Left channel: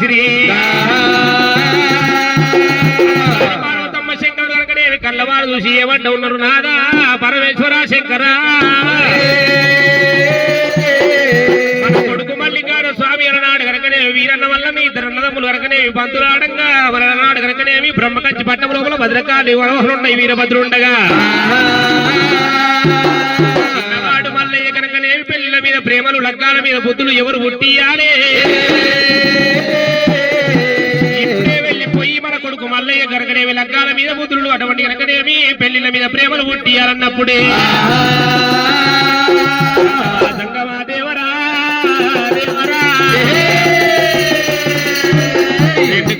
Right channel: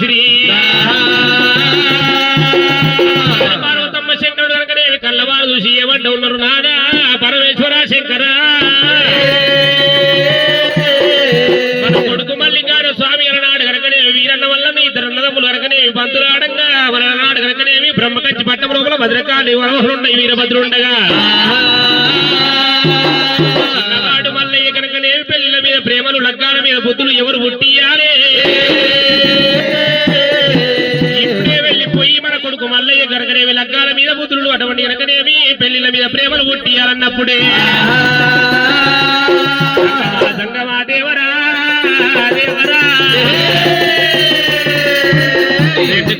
శ్రీ పార్వతమ్మ శంకరుడు కనుకనేవి కళ్ళవాడు చూసి ఏమంట ఉన్నారు నాదా? పరమేశ్వర శంకర. మన కొడుకు మల్లికాడ స్వామి అలనాడు కనుకనేవి వీరన్న వల్ల మీ ఇద్దరు అన్నదమ్ములు కనుకనేవి పంతులు ఆడంగా వలనాడు కనుకనేవి బ్రహ్మకంచి పట్టం లోపల భద్రకాళి వరమహులున్నాయి వీరభద్రుండగా. మల్లయ్య కనుకనేవి మీద ప్రేమలు లగ్గాల మీద బుద్ధులు ఎవరు పుట్టియాలే మనకు మల్లయ్య గరగనేవి లగ్గాల మీద ముద్రులు అటువంటి గనకనేమి పెళ్ళిల మీద ప్రేమలు పుట్టియాలన్నప్పుడే. సంగమా దేవరా దేవరా.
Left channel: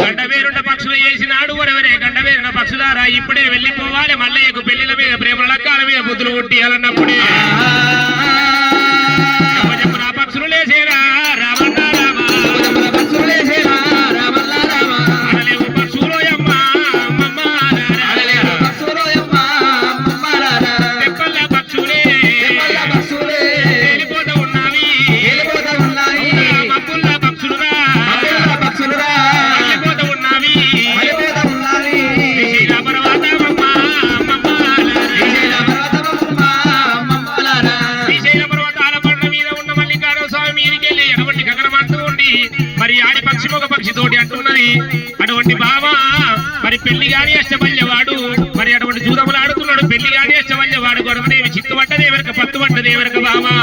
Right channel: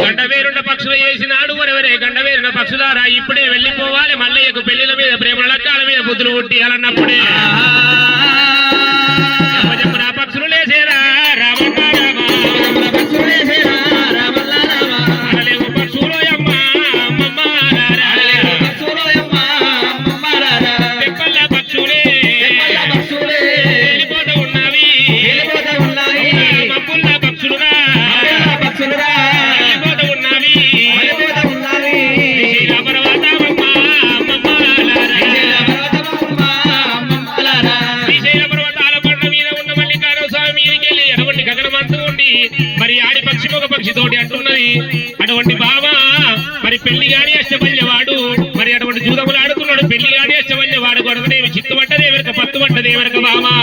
గండవేరుండ పక్షులు చేసినాడు వరవరే గండవేరున పక్షులారా ఇప్పుడే వెళ్ళిపోవాలి. మల్లయ్యకు పెళ్ళిల మీద ప్రేమ లగ్గాల మీద బుద్ధులు పుట్టియాలన్నప్పుడే. అటువంటి బావా మరి పెళ్ళి గాని అష్టమయ్యవాడు మరి అటువంటి జూదములు ఆడుతున్నాడు పెళ్ళి గాని అష్టమయ్యవాడు గొడవనేమి చిత్తు పడ్డదే వెనక పత్తు పడ్డదే బావా.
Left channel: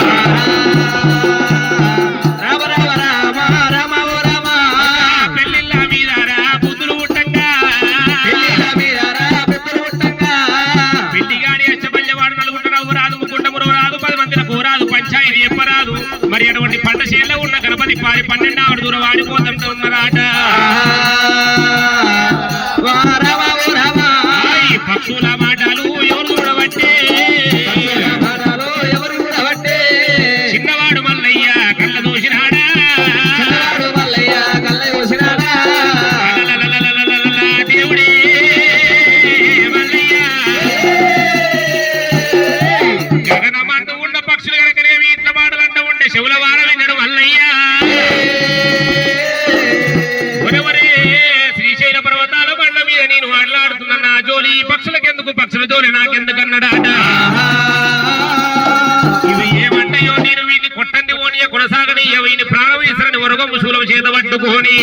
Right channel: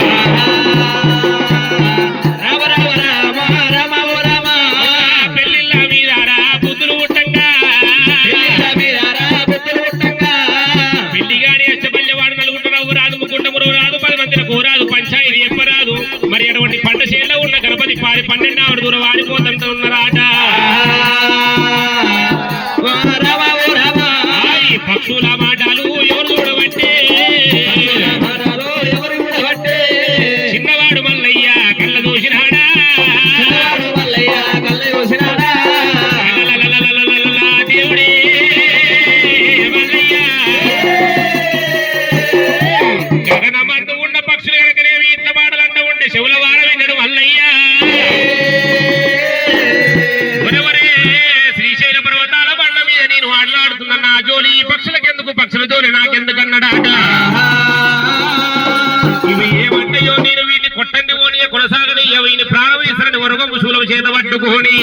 చేత పట్టుకొని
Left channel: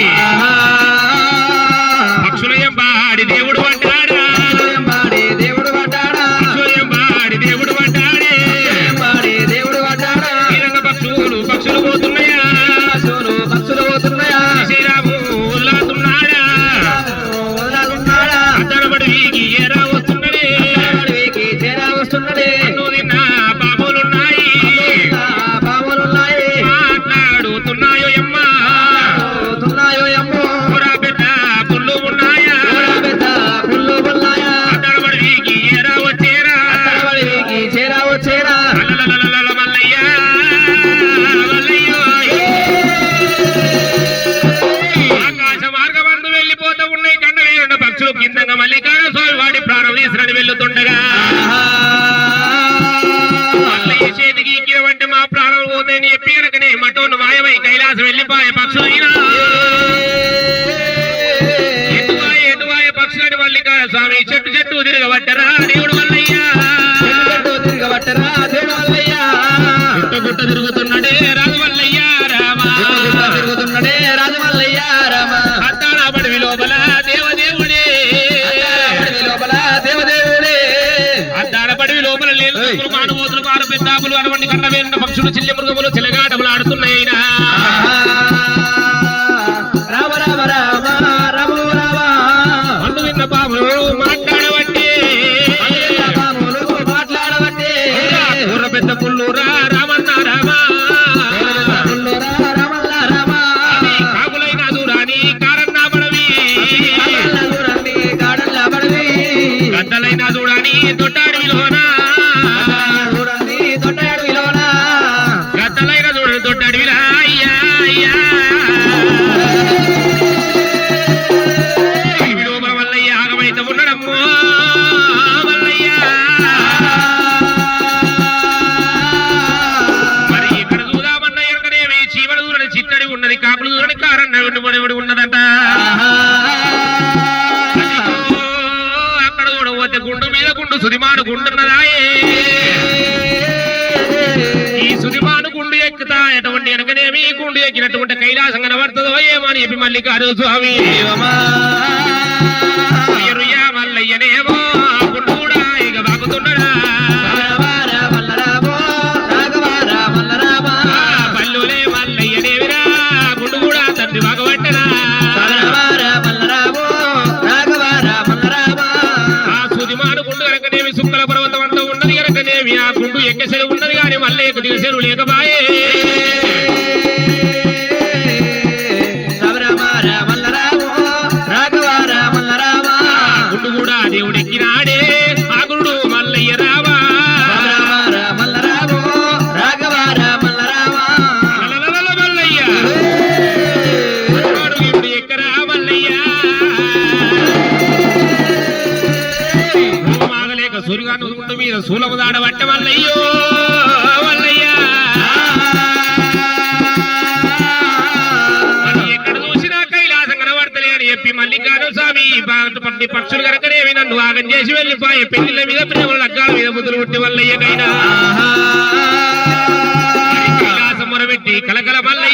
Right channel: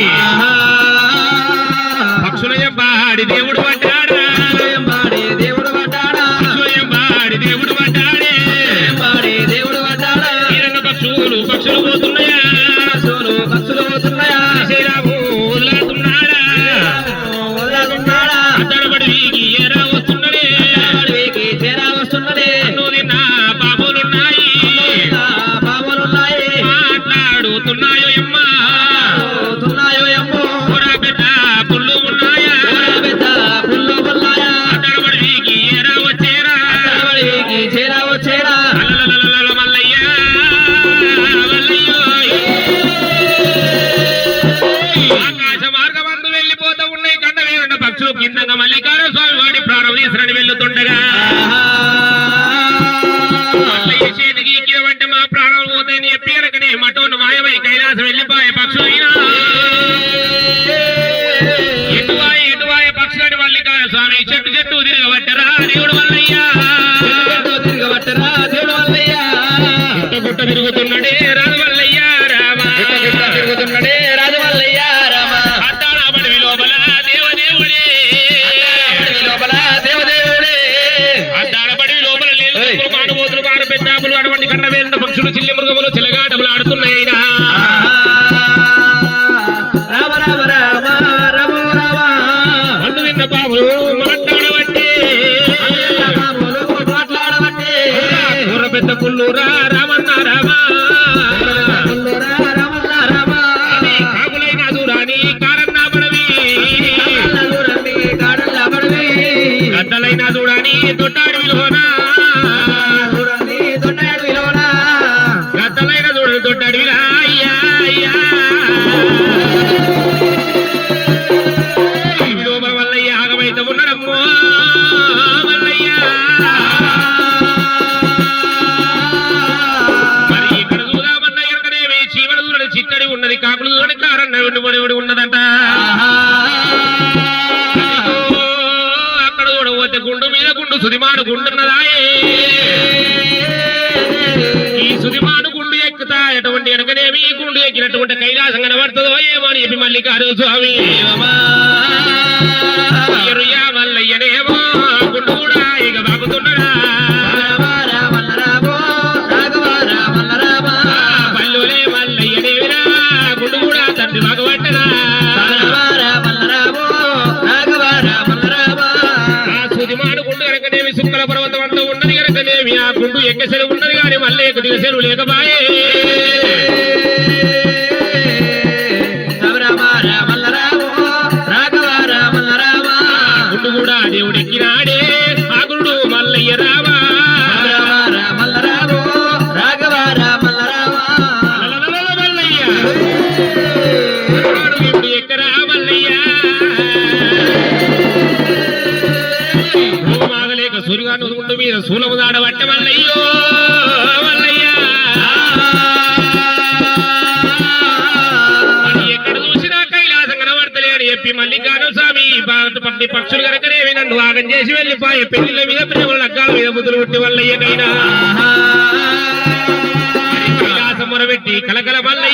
పక్షులయ్య బాడి దేవుడు అయినా చూడని తొట్టాడు విలువ ఉసిమాను గుండు ఎక్కుతా ఎటువంటి వెనకనేమి గుండు ఎక్కినటువంటి కైలాసం కనబడుతుందో ఏమో అని చెప్పి మల్లికారు స్వామి. ఎక్కడ ఉండదు గాని మళ్ళీ దివసెరువు లేకపాయే నువ్వు చేసి వెళ్ళిపోయే పెళ్ళిళ్ళ మీద ప్రేమలు అగ్గాల మీద ముద్దులు పుట్టి వల్లయ్యనైనా కలకల వల్లయ్య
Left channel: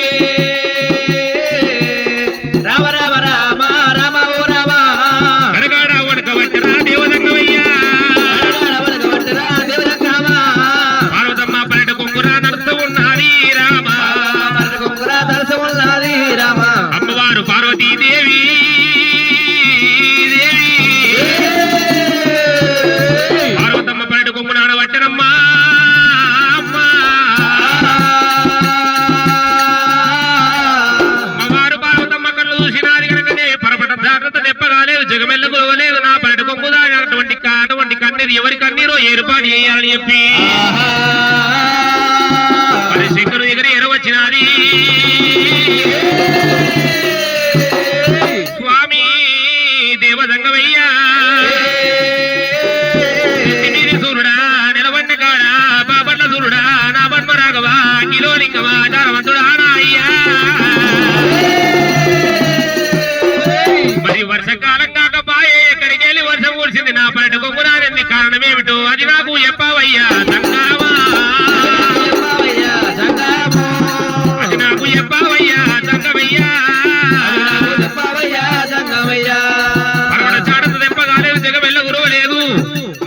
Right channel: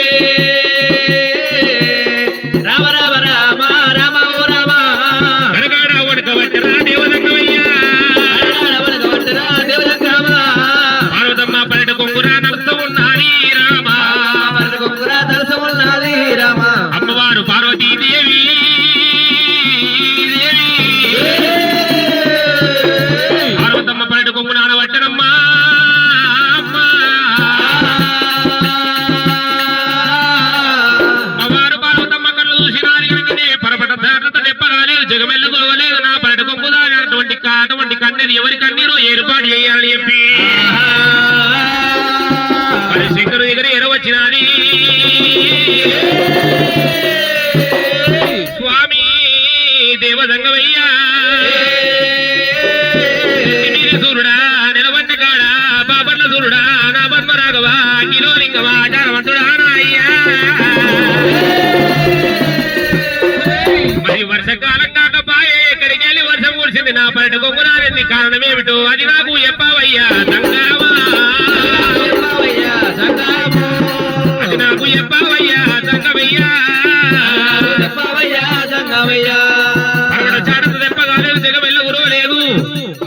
జగమెల్ల నా పరటి కొంపుదా అటువంటి అటువంటి కన్నీరు ఎవరి కన్నీరో ఏర్పాటు చేయాలని చెప్పి. మరి శంకరు ఎగిరి ఎరవచ్చినది. సంగమయ్యా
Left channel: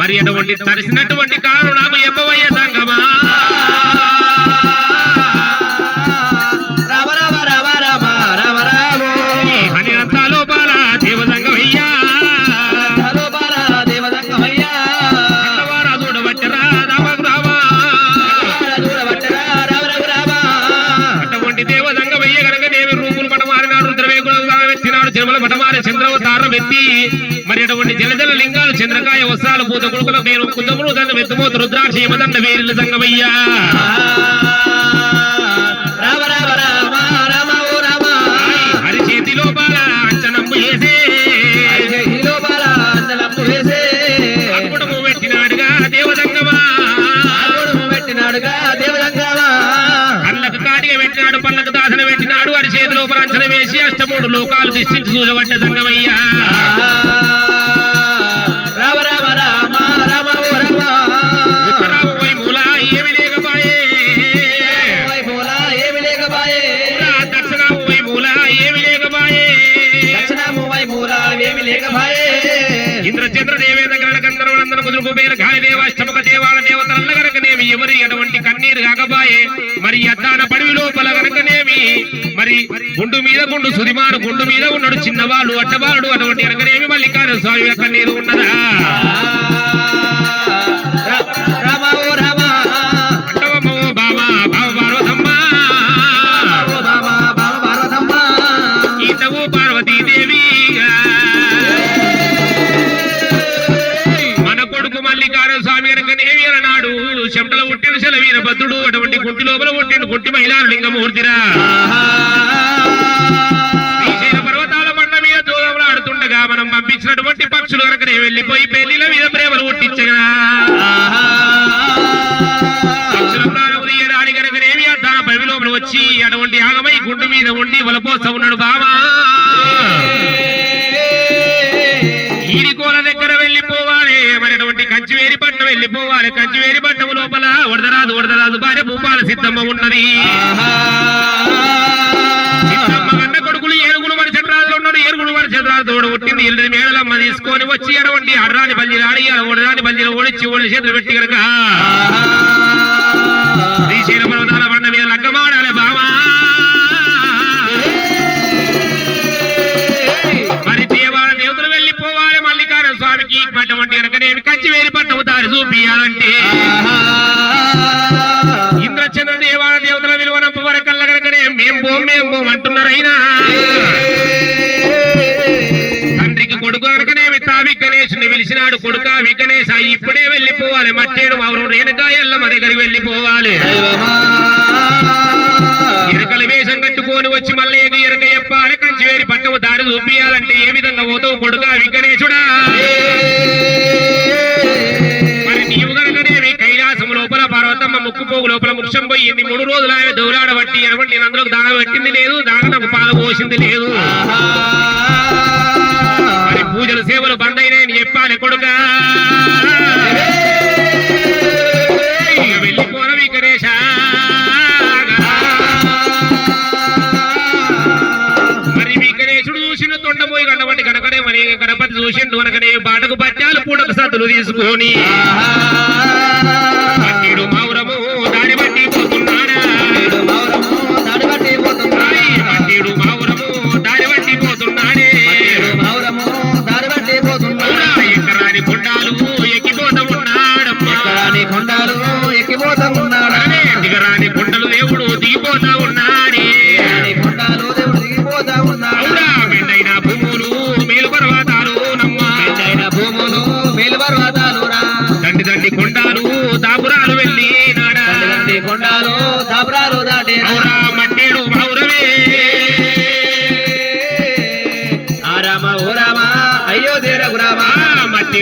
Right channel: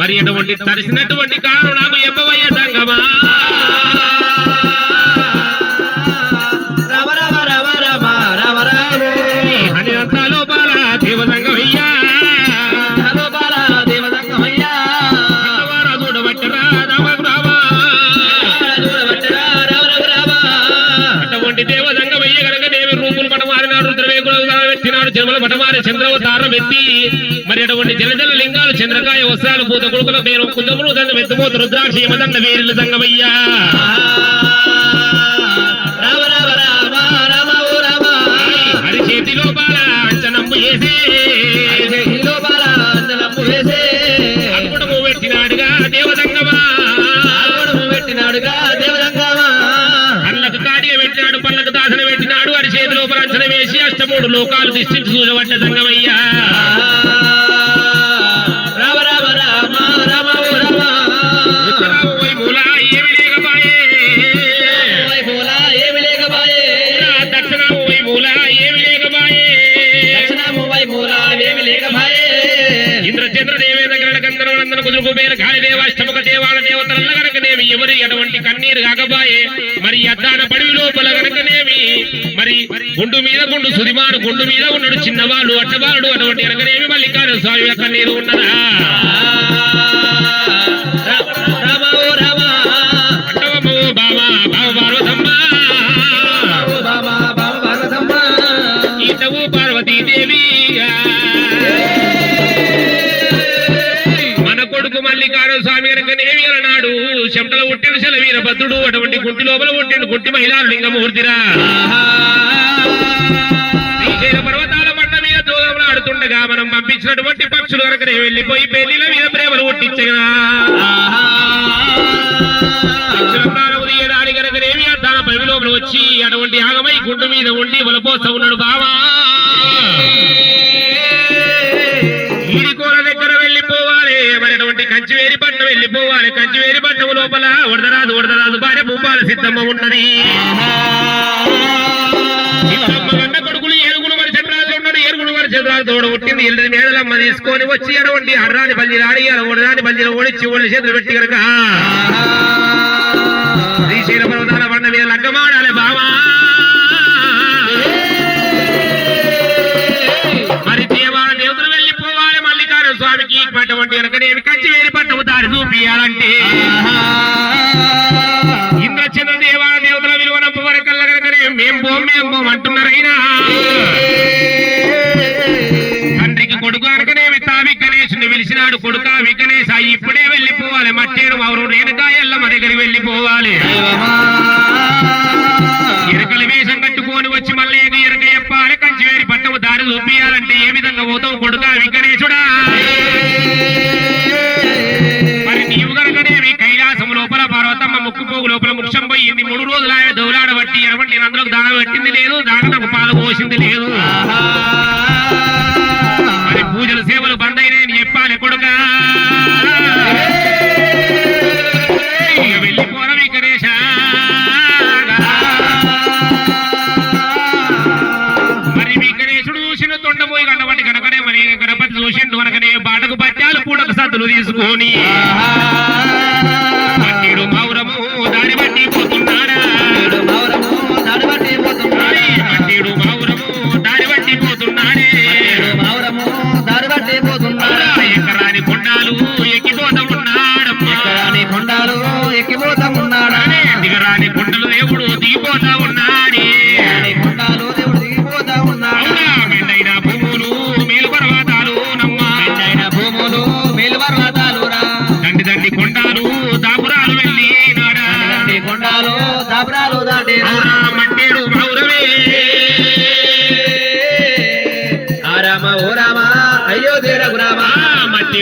మరి అటువంటి తరిసినటువంటి కారు నాకు ఎప్పవయ్యా సంగమా? జన్మల పటమారి చంద్రవతారం ఎత్తి మరి అటువంటి జలజల లింగాలు చంద్రకాయ వస్త్రాలు పూత కొడుకులు నేను కుందములు దండం ఎత్తుపోతు రుద్రాక్ష యమదండ వేరుల సంగమయ్య. రామ రామ రామ రామ హరి చేతిలో బాల అంచనంబు వేసే అష్టమూడు లోకాలు దిష్టించి చూడబడ్డ సంగమయ్యా. రామ రామ రామ రామ రామ. మూల ఏమి లేకపాయే? వైభోలా ఏమి లేకబాయే దక్షిణావు పోయి మూల ఏమి లేకపాయే? దక్షిణాము వైభోలా ఏమి లేకబాయే ఇంద్ర చంద్ర దేవేంద్ర గరుడ గంధర్వులందరూ కుదురు కుబేర దేవాల గనకనేమి ఎవరి అటువంటి కన్నీరు కాకపాయే. మరి అద్దాన మరి గుండు మీద గుండు సురిమాను గుండు మీద ఉన్నాడు చిన్నవాళ్ళు అట్టవాళ్ళు అటువంటి గనకనేమి మల్లికార్జున స్వామి యొక్క నీరు ఉన్నదా? రామ స్వామి చెమటల పుట్టిన శల వీరభద్రుడు అటువంటి గుంటి లోపల పుట్టిన గుంటి మహిళా లింగమూర్తిరా. శ్రీశైల పర్వతాల పంట మీద దూరంలో ఆడుతుండగా మనం పంపించినటువంటి పక్షులు కనుకనే వెళ్ళిపోయి పెళ్ళిల మీద ప్రేమలు పుట్టించగా లోపల వచ్చి అటువంటి ఆగమై గుండు మీద ఉండి వలపోస ఉన్నాడు బావా. ఈడికోల దగ్గర వెళ్ళిపోవాలి మరి అటువంటి కంచివేరి పట్నం వెళ్ళిపోవాలి. కంచివేరి పట్నం లోపల వడదరాదు వడదరాజు భార్య భూపాల సిద్ధమ్మ ఉన్నది. సిద్ధమ్మ గన్న కొడుకులు ఏరుగులు వరి చంద్రాజులు ఉన్నాడు. ఏరుగులు వరి చంద్రాజు పుట్టింది ఇల్లు మేడలమ్మ తీసుకొని వచ్చి అటువంటి అర్రాని బల్లి ఆడి ఒడదాని బల్లిని ఓడిచ్చి ఒళ్ళు చేతులు పెట్టి కనుక శ్రీశైల పర్వతాల బండ మీద లగ్గమాడాలి బావా. మరి దేవాల దేవతలు వెళ్ళిపోవాలి మల్లికార్జున స్వామికి. వేరి పట్టము దారి చూపియాలంటే. మేం పోం మేం పోం అంటున్నారైనా? తండ్రికి కొడుకు అనకనేమి తావి గణేశుని పిలిచినాడు. కొడుక వికనేశ ఇప్పుడే వెళ్ళిపోవాలి. మట్టేడు అవరు రేణుకా మా దగ్గరికి వెళ్ళిపోవాలి. ఎరకల వేషం కట్టుకొని వచ్చి మళ్ళీ ఎగ ఎరక చెప్పాలి కంచివేరి పట్టము దారి చూపియాలంటే ఏ విధంగా పోతావు కొడుక వికనేశుడా పెట్టింది లేదు దానకు పాలు పోసింది లేదు. మరి పూజలు సేవలు బందైనాయని చెప్పాలి కొడుక. వెళ్ళిపోన విఘ్నేశ మరి విఘ్నేశుడు చూసిన తొండపోయి కనబడి మరి గణపతి చూసిండు కనుకనే బాటకు పట్టాలు పూడక సద్దులు తీసుకొని.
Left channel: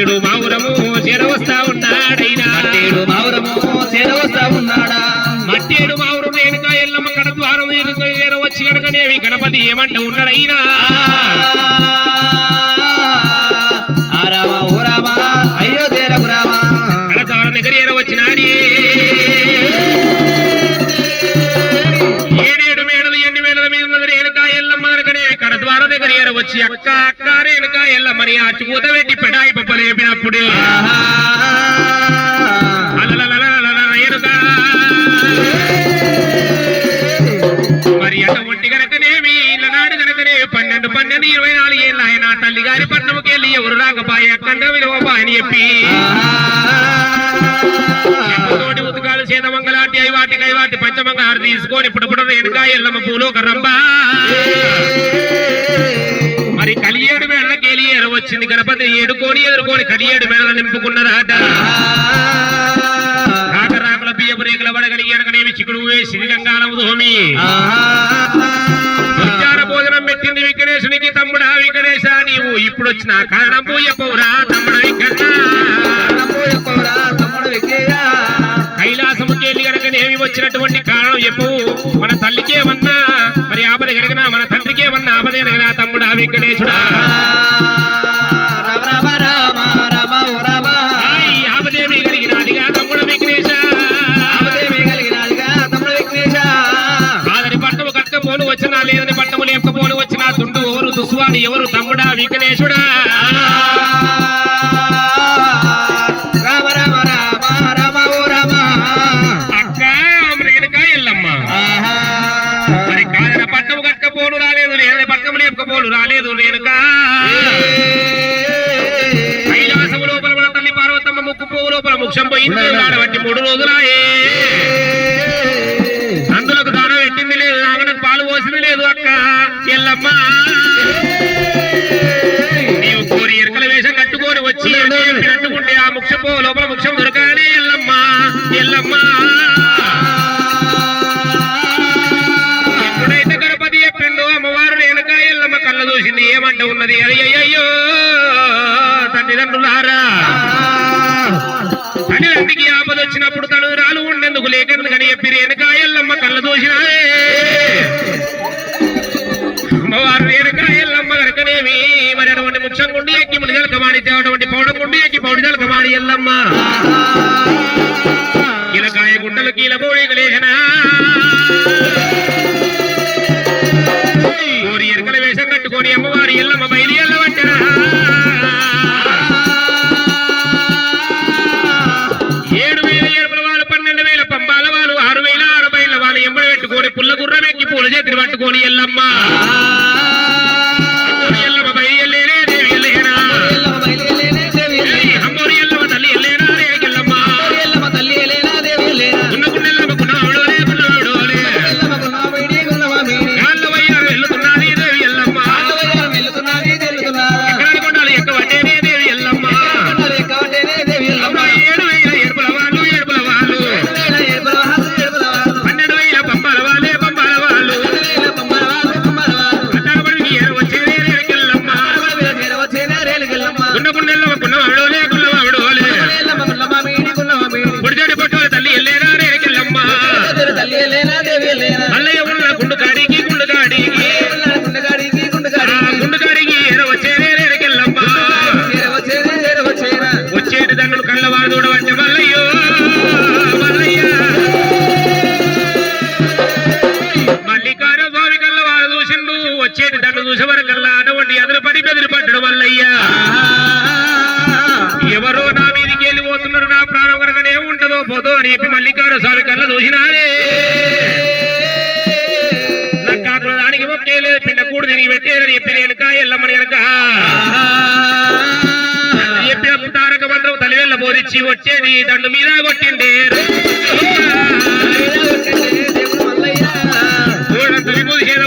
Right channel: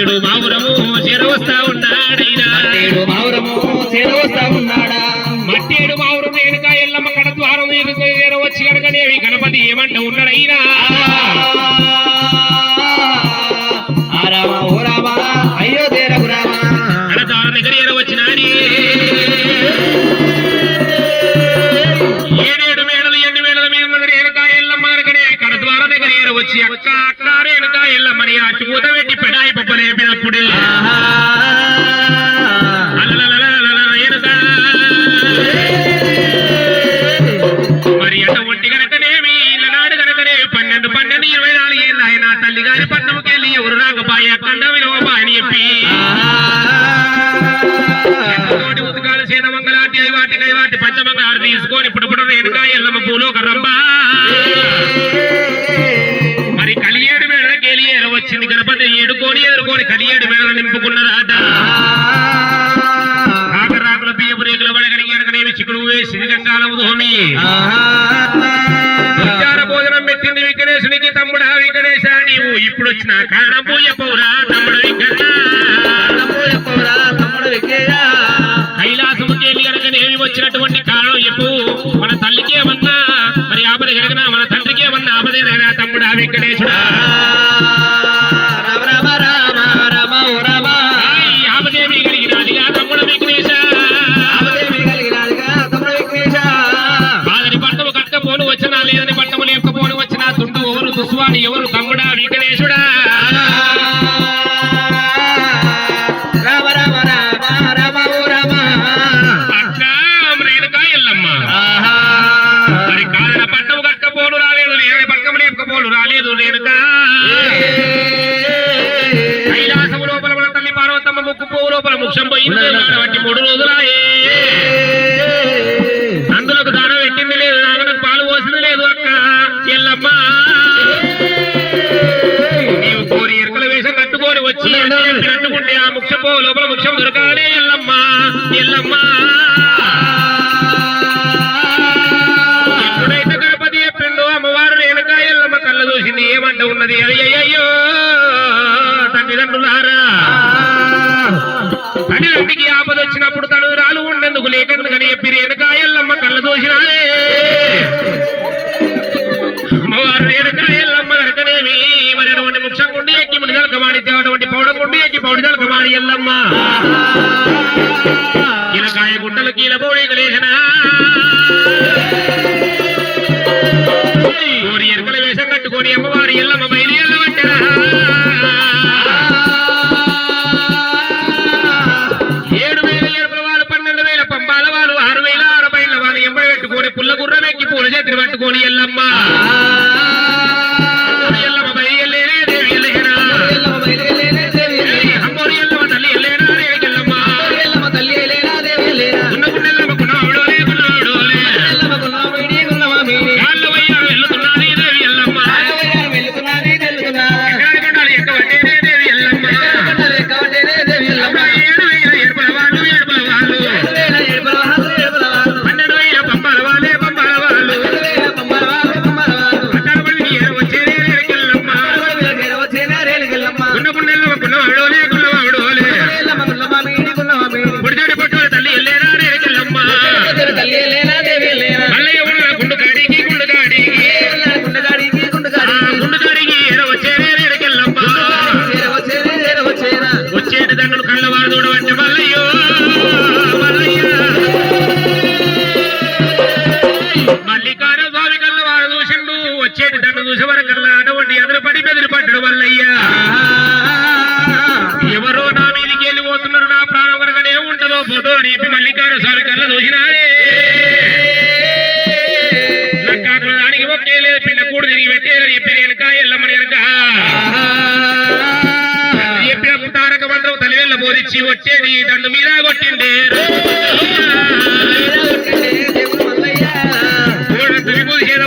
మట్టేడు మౌరము చేరవస్తా ఉన్నాడైనా. మట్టేడు మావురము చేరవస్తా ఉన్నాడా? మట్టేడు మావురు రేణుక ఎల్లమ్మ కడ ద్వారం వచ్చి కనుకనేవి గణపతి ఏమంట ఉన్నాడైనా. అయ్యో రామ. ద్వారం దగ్గర ఏర వచ్చినాడి ఏడేడు మేడలు ఎన్ని మేడల మీద ఉన్న రేణుక ఎల్లమ్మ కనుకనేవి కడ ద్వారం దగ్గర ఏర వచ్చి అక్క అక్క రేణుక ఎల్లమ్మని అచ్చుకూత రాకపాయ అని చెప్పి తోటి ఉతకాలు చేత మంగళాటి ఐవాటి కైవాటి పంచమంగారు తీసుకొని ఇప్పుడు ఇప్పుడు రేణుగా ఎల్లమ్మ పూలు ఒక రంబ మరి కలియేడు మేడల కేలియేరు వచ్చింది. గణపతి ఏడుకోని ఎదుర్కొని కలియేడు మేడల నింపుకున్నదాట. కాకరాకుల బియ్యపు రేకుల వడగడి ఎడగనేమి చిక్కుడు వేసి గంగాలం దోమి భోజనం పెట్టింది విఘ్నేశునికి తమ్ముడా విఘ్నేశ నీవు ఇప్పుడు వచ్చిన కారణం పోయపోరా వచ్చినటువంటి కారణం చెప్పు. మన తల్లికేమన్నా మరి ఆపద గనకనా మన తండ్రికేమన్నా ఆపద గనకనా తమ్ముడా వెంకటేశుడా. వచ్చినా లేదని పట్టము లేకపోను వచ్చినా తుండు ఎవరు దుస్వాని ఎవరు తమ్ముడా వెంకటేశుడా? ముక్షం పోయింది కాబట్టి మూడు రోజులాయే. అందులకు దానం పెట్టింది లేదు నాగనకు పాలు పోసింది లేదు అక్క. ఎల్లమ్మ. నీవు కోరి ఎరకల వేషం కట్టుకొని వచ్చి చెప్పినట్టుకుంటే ఆ పువ్వు లోపల ముక్షం దొరకాలే ఎల్లమ్మ. ఎల్లమ్మ. ఎప్పుడైతే గణపతి చెప్పిండో అమ్మవారు రేణుక ఎల్లమ్మ కళ్ళ చూసింది ఏమంట ఉన్నది? అయ్యయ్యో తల్లిదండ్రులారా తల్లిదండ్రికి ఆపద వచ్చినప్పుడు తను రాలు ఉండేందుకు లేకెందుకని చెప్పి రేణుక కళ్ళ చూసినాయే అమ్మవారు రేణుక ఎల్లమ్మ మరి అటువంటి ముక్షం గుండి ఎక్కి మునిగల కమాడి అటువంటి పౌడం గుండి ఎక్కి పౌడిదల ఎల్లమ్మ. కీలకాయ గుడ్డలు కీల పోయి చెప్పి మల్లికార్జున స్వామి కళ్ళ చూసినారే. నక్కాకుల దానికి ఒకే లేదు పిండ కూడు తిరిగి పెట్టేదని చెప్పి నేను ఎల్లమ్మని కనుక చెప్పిన తారక మంత్రం తలివెల్ల బోధించి వచ్చేది దండు మీద కొట్టిండే. తులిపూది చేత